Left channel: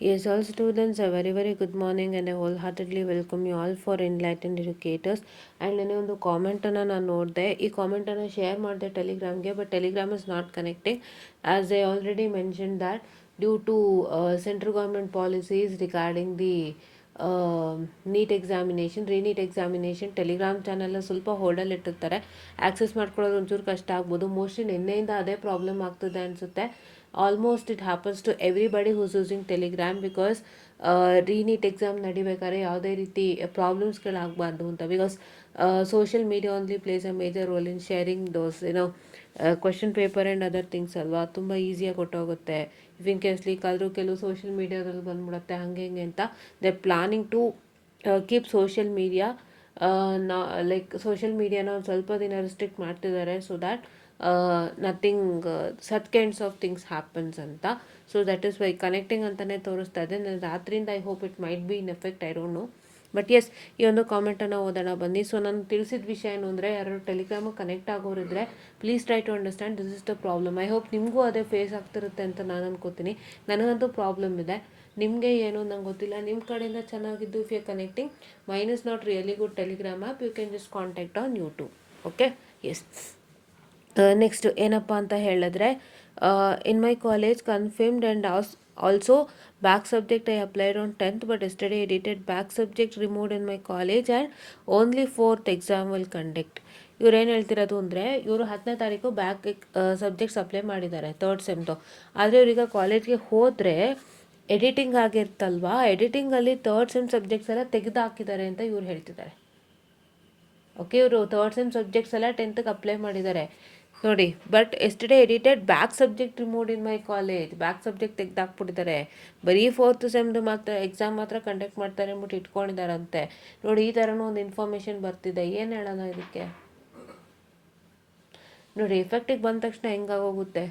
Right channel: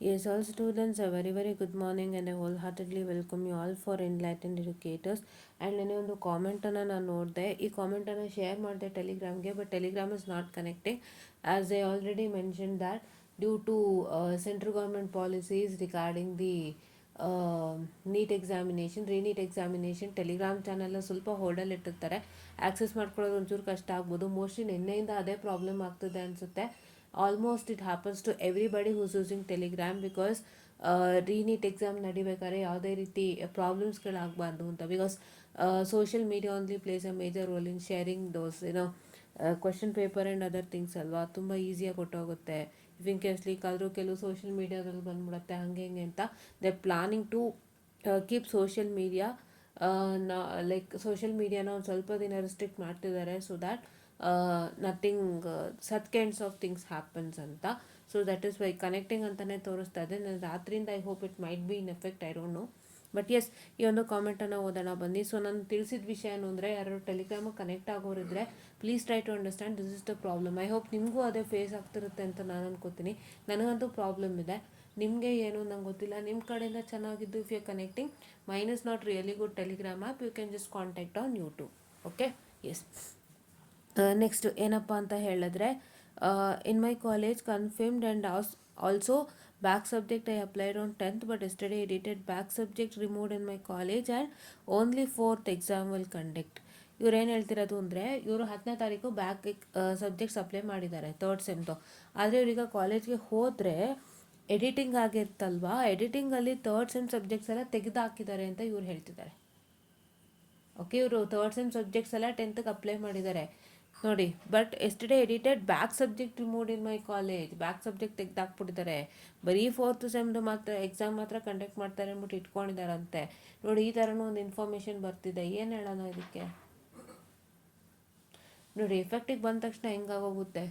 Yes, all students, a very very good morning and I wholeheartedly welcome you all for Enlightened Educators. And ನನಗೆ ಒಂದು ಕಾಮೆಂಟನ್ನು ನಾನು ನೋಡಿದೆ. ಈ ಕಾಮೆಂಟನ್ನು ಶೇರ್ ಮಾಡಿದೆ ಟೆಲಿಗ್ರಾಮ್ಗೆ, but Telegram is not connecting as I already mention that due to central government policies regarding the NEET examination, reNEET examination. Telegram ಚಾನಲ್ನ ಸ್ವಲ್ಪ ಹೋಲ್ಡಲ್ಲಿ ಇಟ್ಟಿರ್ತಾರೆ. ಆ್ಯಕ್ಸೆಸ್ ಮಾಡ್ಕೊಳ್ಳೋದು ಒಂಚೂರು ಕಷ್ಟ ಆಗ್ಬೋದು. ಮೋಸ್ಟ್ಲಿ ನಿನ್ನೆಯಿಂದ ಅದೇ ಪ್ರಾಬ್ಲಮ್ ಆಗ್ತದೆ ಅನಿಸುತ್ತೆ. Almost it happens to everybody who's using Telegram because reNEET exam ನಡಿಬೇಕಾದ್ರೆ ಯಾವುದೇ ರೀತಿ ಪ್ರಾಬ್ಲಮ್ಸ್ಗಳಾಗಬಾರ್ದು ಅಂತ. Because social media only plays a major role in sharing those question paper and other things ಅಲ್ವಾ. ತುಂಬ ಈಸಿಯಾಗಿ ಕೊಟ್ಟೋಗುತ್ತೆ. ಇಫ್ ಇನ್ ಕೇಸ್ ಲೀಕ್ ಆದರೂ ಕೆಲವು ಸೋಷಿಯಲ್ ಮೀಡಿಯಾದಲ್ಲಿ ಬಂದ್ಬಿಡುತ್ತೆ, ಹಾಗೆ ಹಿಂಗೆ ಅಂತ. They planning to keep social media like social ಮೀಡಿಯಾನ ಒಂದು ಸ್ವಲ್ಪ ದಿನ ರಿಸ್ಟ್ರಿಕ್ಟ್ ಮಾಡ್ತಿದ್ದಾರೆ so that nothing such kinds of things happens ಅಂತ. So that is why connecting ಅಂತಲೇ ತೋರಿಸ್ತಾ ಇದೆ. ನಾನು ರಾತ್ರಿಯಿಂದ I hope it might be in effect, I don't know. But yes, ಈ ಒಂದು ಕಾಮೆಂಟನ್ನು ಓದೋಣ ಬನ್ನಿ. ಸೊ ನಾನು ತಿಳಿಸಿದ ವಿಷಯ ಏನು ಅಂದರೆ, ಯಾರು ಟೆಲಿಗ್ರಾಮಿಗೆ ಕನೆಕ್ಟ್ ಆಗೋರಿದ್ರೆ please try to understand this is the problem. I hope ನಿಮಗೂ ಅದೇ ಫೇಸ್ ಆಗ್ತಿರುತ್ತೆ ಅಂತ ನಾನು ಅನ್ಕೋತೀನಿ. ನನಗಂತೂ ಪ್ರಾಬ್ಲಮ್ ಇದೆ, ನಿಮಗೆ ಏನು ನಂಗೆ ಗೊತ್ತಿಲ್ಲ. ನಿಮ್ಮ ಕಡೆಯಿಂದ ಚೆನ್ನಾಗಿದ್ದು if you connecting, mine is not really good Telegram app, you can just contact on YouTube. Okay, yes. Next ಏನಪ್ಪ ಅಂತ ಹೇಳಿದ್ರೆ, in my college confirmed and also back subject I applied on 10th but yesterday edited back subject removed in my college and only 4th exam will conduct. ಇವ್ರು ಏನು ಹೇಳ್ತಿರೋದು ಅಂದರೆ, ಇವರು 10ನೇ ತಾರೀಕು back subjects apply ಮಾಡಿದ್ದಾರೆ 3rd ಸೆಮ್ದು. ಆದರೆ ಇವ್ರೀಗ ಕಾಲೇಜ್ಗೆ ಹೋದರೆ ಎಡಿಟಿಂಗ್ ಆಗಿರ್ತಲ್ವಾ, ಎಡಿಟಿಂಗಲ್ಲಿ 3rd ಸೆಮ್ ಸಬ್ಜೆಕ್ಟ್ಸ್ ಎಲ್ಲ ತೆಗೆದು ಹಾಕಿದ್ದಾರೆ ಅಂತ ಇವ್ರು ಹೇಳ್ತಿದ್ದಾರೆ. ಓಕೆ, ಇವರು 3rd ಸೆಮ್ ಸಬ್ಜೆಕ್ಟ್ಸ್ ಎಲ್ಲ 10th ಅಪ್ಲೈ ಮಾಡಿದ್ದಾರೆ ನೋಡಿ. But yesterday edited back subject removed in my college, back subject ತೆಗೆದಾಕ್ಬಿಟ್ಟಿದ್ದಾರೆ. ಬರೀ 4th ಸೆಮ್ದು ಮಾತ್ರ ಎಕ್ಸಾಮ್ ಮಾತ್ರ ಕಂಡಕ್ಟ್ ಮಾಡ್ತಾರೆ ಅಂದ್ಬಿಟ್ಟು ಇಟ್ಕೊಂಡಿದ್ದಾರಂತೆ ನೋಡಿ. ಈ ಥರನೂ ಒಂದು ಇನ್ಫಾರ್ಮೇಷನ್ ಬರ್ತಿದೆ. ಏನು ಹೇಳೋಣ ಇದಕ್ಕೆ ನೋಡಿ. ಎಫೆಕ್ಟಿಗೆ ಬಂದ ತಕ್ಷಣ ಹೆಂಗಾಗೋಗುತ್ತೆ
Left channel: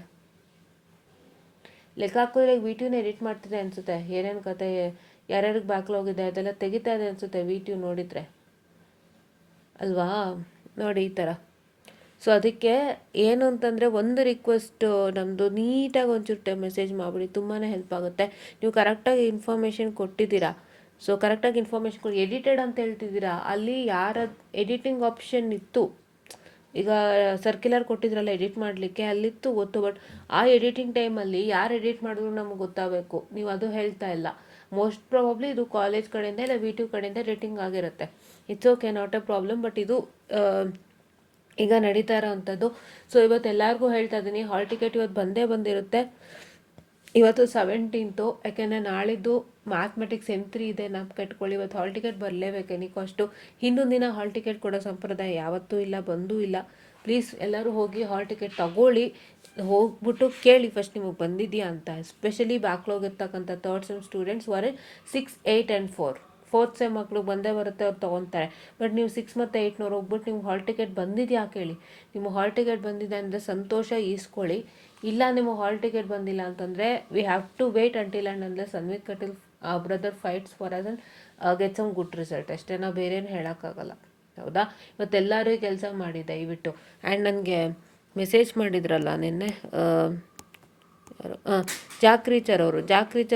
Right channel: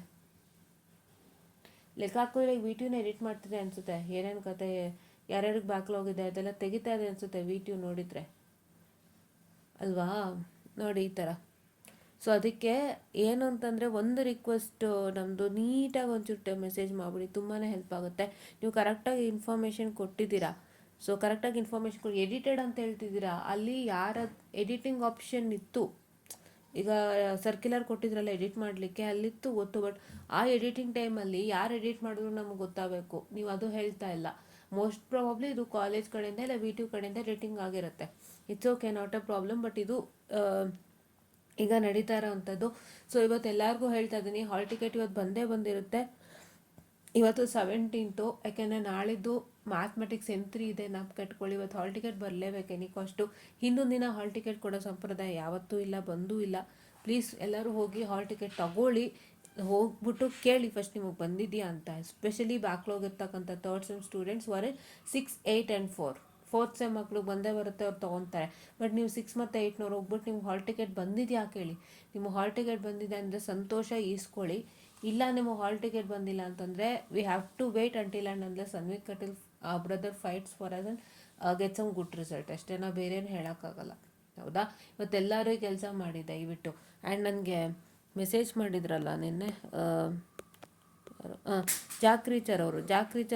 ಲೆಕ್ಕ ಹಾಕೋದ್ರೆ. ವಿಟಿಯೂನ ಎಡಿಟ್ ಮಾಡ್ತಿದೆ ಅನಿಸುತ್ತೆ. ಏನೇನು ಕತೆ, ಯಾರ್ಯಾರಿಗೆ ಬ್ಯಾಕ್ಲಾಗಿದೆ ಅದೆಲ್ಲ ತೆಗಿತಾ ಇದೆ ಅನಿಸುತ್ತೆ ವಿಟಿಯು ನೋಡಿದರೆ ಅಲ್ವಾ. ನೋಡಿ ಈ ಥರ. ಸೊ ಅದಕ್ಕೆ ಏನು ಅಂತಂದರೆ, ಒಂದು ರಿಕ್ವೆಸ್ಟ್ ನಮ್ಮದು, ನೀಟಾಗಿ ಒಂಚೂರು ಮೆಸೇಜ್ ಮಾಡಿಬಿಡಿ, ತುಂಬಾ ಹೆಲ್ಪ್ ಆಗುತ್ತೆ. ನೀವು ಕರೆಕ್ಟಾಗಿ ಇನ್ಫಾರ್ಮೇಷನ್ ಕೊಟ್ಟಿದ್ದೀರಾ. ಸೊ ಕರೆಕ್ಟಾಗಿ ಇನ್ಫಾರ್ಮೇಷನ್ ಕೊಡಿ. ಎಡಿಟೆಡ್ ಅಂತ ಹೇಳ್ತಿದ್ದೀರಾ, ಅಲ್ಲಿ ಯಾರ ಎಡಿಟಿಂಗ್ ಆಪ್ಷನ್ ಇತ್ತು, ಈಗ ಸರ್ಕ್ಯುಲರ್ ಕೊಟ್ಟಿದ್ರಲ್ಲ ಎಡಿಟ್ ಮಾಡಲಿಕ್ಕೆ, ಅಲ್ಲಿತ್ತು ಗೊತ್ತು. ಬಟ್ ಆ ಎಡಿಟಿಂಗ್ ಟೈಮಲ್ಲಿ ಯಾರು ಎಡಿಟ್ ಮಾಡಿದ್ರು ನಮಗೆ ಗೊತ್ತಾಗಬೇಕು. ನೀವು ಅದು ಹೇಳ್ತಾ ಇಲ್ಲ. ಮೋಸ್ಟ್ ಪ್ರಾಬಬ್ಲಿ ಇದು ಕಾಲೇಜ್ ಕಡೆಯಿಂದ ಇಲ್ಲ ವಿ ಟಿ ಕಡೆಯಿಂದ ಎಡಿಟಿಂಗ್ ಆಗಿರುತ್ತೆ. It's okay, not A problem. But ಇದು ಈಗ ನಡೀತಾ ಇರೋವಂಥದ್ದು. ಸೊ ಇವತ್ತು ಎಲ್ಲರಿಗೂ ಹೇಳ್ತಾ ಇದ್ದೀನಿ, ಹಾಲ್ ಟಿಕೆಟ್ ಇವತ್ತು ಬಂದಿರುತ್ತೆ. ಇವತ್ತು 17th, ಯಾಕೆಂದರೆ ನಾಳಿದ್ದು ಮ್ಯಾಥಮೆಟಿಕ್ಸ್ M3 ಇದೆ, ನಾವು ಕಟ್ಕೊಳ್ಳಿ. ಇವತ್ತು ಹಾಲ್ ಟಿಕೆಟ್ ಬರಲೇಬೇಕು ಎನಿಕೋಷ್ಟು. ಹಿಂದೊಂದು ದಿನ ಹಾಲ್ ಟಿಕೆಟ್ ಕೊಡೋ ಸಂಪ್ರದಾಯ ಯಾವತ್ತೂ ಇಲ್ಲ, ಬಂದೂ ಇಲ್ಲ. ಪ್ಲೀಸ್ ಎಲ್ಲರೂ ಹೋಗಿ ಹಾಲ್ ಟಿಕೆಟ್ ತಗೊಳ್ಳಿ. ಹೋಗ್ಬಿಟ್ಟು ಕೇಳಿ ಫಸ್ಟ್ ನಿಮಗೆ ಬಂದಿದೆಯಾ ಅಂತ. ಎಸ್ಪೆಷಲಿ ಬ್ಯಾಕ್ಲಾಗ್ ಇರ್ತಕ್ಕಂಥ 3rd ಸೆಮ್ ಸ್ಟೂಡೆಂಟ್ಸ್ ವರೆ 6, 8 ಆ್ಯಂಡ್ 4th ಸೆಮ್ ಮಕ್ಕಳು ಬಂದೇ ಬರುತ್ತೆ, ಅವ್ರು ತೊಗೊತಾರೆ. ಬಟ್ ನೀವು 6 ಮತ್ತು 8ನವ್ರು ಹೋಗ್ಬಿಟ್ಟು ನಿಮ್ಗೆ ಹಾಲ್ ಟಿಕೆಟ್ ಬಂದಿದೆಯಾ ಕೇಳಿ. ನಿಮಗೆ ಹಾಲ್ ಟಿಕೆಟ್ ಬಂದಿದೆ ಅಂದರೆ ಸಂತೋಷ, ಈಸ್ಕೊಳ್ಳಿ. ಇಲ್ಲ ನಿಮಗೆ ಹಾಲ್ ಟಿಕೆಟ್ ಬಂದಿಲ್ಲ ಅಂತಂದರೆ we have to wait until and unless Anvith Kateel brother fights for us and get some good result ಅಷ್ಟೇ. ನಾವು ಬೇರೇನು ಹೇಳೋಕ್ಕಾಗಲ್ಲ, ಹೌದಾ. ಇವತ್ತೆಲ್ಲರೂ ಕೆಲಸ ಮಾಡಿ ದಯವಿಟ್ಟು. ಆ್ಯಂಡ್ ನನಗೆ ಮೆಸೇಜ್ ಮಾಡಿದ್ರಲ್ಲ ನಿನ್ನೆ ಜಾಕ್ರೀಚರ್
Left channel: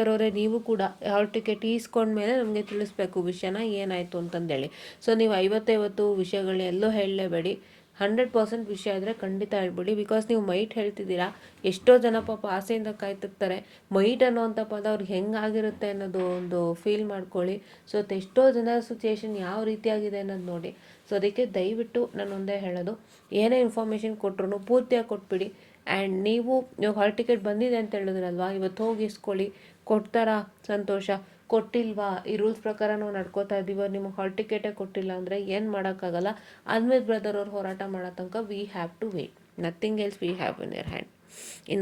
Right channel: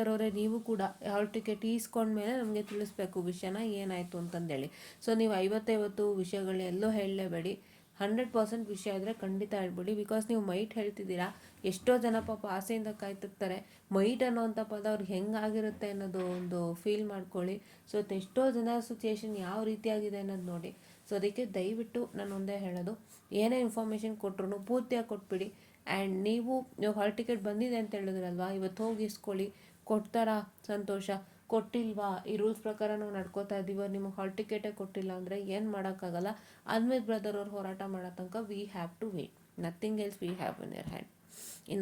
ಅವರೇ, ನೀವು ಕೂಡ ಹಾಲ್ ಟಿಕೆಟ್ ಈಸ್ಕೊಂಡ್ಮೇಲೆ ನಮಗೆ ತಿಳಿಸ್ಬೇಕು ವಿಷಯನ ಏನಾಯಿತು ಅಂತಂದೇಳಿ. ಸೊ ನೀವು 50 ವಿಷಯಗಳನ್ನೆಲ್ಲೋ ಹೇಳಲೇಬೇಡಿ. 100% ವಿಷಯ ಆದರೆ ಖಂಡಿತ ಹೇಳ್ಬಿಡಿ. ಬಿಕಾಸ್ ನೀವು ಮೈಟ್ ಹೇಳ್ತಿದ್ದೀರಾ. ಎಷ್ಟೋ ಜನ ಪಾಪ ಆಸೆಯಿಂದ ಕಾಯ್ತಿರ್ತಾರೆ. ಮೈಟ್ ಅನ್ನೋವಂಥ ಪದ ಅವ್ರಿಗೆ ಹೆಂಗಾಗಿರುತ್ತೆ ಅನ್ನೋದು ಒಂದು ಫೀಲ್ ಮಾಡ್ಕೊಳ್ಳಿ. ಸೊ ಎಷ್ಟೋ ಜನ ಸಿಚುಯೇಷನ್ ಯಾವ ರೀತಿಯಾಗಿದೆ ಅನ್ನೋದು ನೋಡಿ. ಸೊ ಅದಕ್ಕೆ ದಯವಿಟ್ಟು ನಾನು ಒಂದೇ ಹೇಳೋದು, ಏನೇ ಇನ್ಫಾರ್ಮೇಷನ್ ಕೊಟ್ಟರು ಪೂರ್ತಿಯಾಗಿ ಕೊಟ್ಬಿಡಿ. ಆ್ಯಂಡ್ ನೀವು ಹಾಲ್ ಟಿಕೆಟ್ ಬಂದಿದೆ ಅಂತ ಹೇಳಿದ್ರಲ್ವಾ, ಇವತ್ತು ಹೋಗಿ ಇಸ್ಕೊಳ್ಳಿ. ಕೊಡ್ತಾರಾ ಸಂತೋಷ, ಕೊಟ್ಟಿಲ್ವಾ ಈ ರೂಲ್ಸ್ ಪ್ರಕಾರ ನಾವು ನಡ್ಕೋತಾ ಇದ್ದೀವ, ನಿಮಗೆ ಹಾಲ್ ಟಿಕೆಟೇ ಕೊಟ್ಟಿಲ್ಲ ಅಂದರೆ ಏನು ಮಾಡೋಕ್ಕಾಗಲ್ಲ. ಅನ್ವಿತ್ ಬ್ರದರ್ ಅವ್ರು ಹೋರಾಟ ಮಾಡೋ ತನಕ we have to wait. Nothing else we have in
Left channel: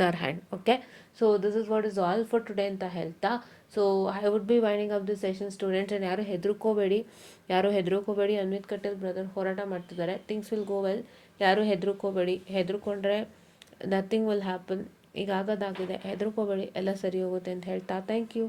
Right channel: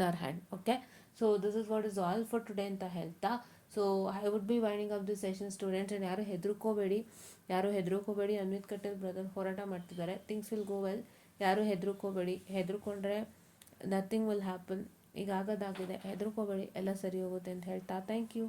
our hand. Okay, so this is what is all for today ಅಂತ ಹೇಳ್ತಾ, so I would be winding up the session students. And ಯಾರು ಹೆದರ್ಕೋಬೇಡಿ. Anvith Kateel brother ಹೋರಾಟ ಮಾಡ್ತಿದ್ದಾರೆ. Things will go well. ಯಾರು ಹೆದರ್ಕೊಂಡ್ರೆ nothing will happen. ಈಗ ಆಗೋದಾಗಿದೆ, ಹೆದರ್ಕೋಬೇಡಿ, ಎಲ್ಲ ಸರಿ ಹೋಗುತ್ತೆ ಅಂತ ಹೇಳ್ತಾ ಥ್ಯಾಂಕ್ ಯು.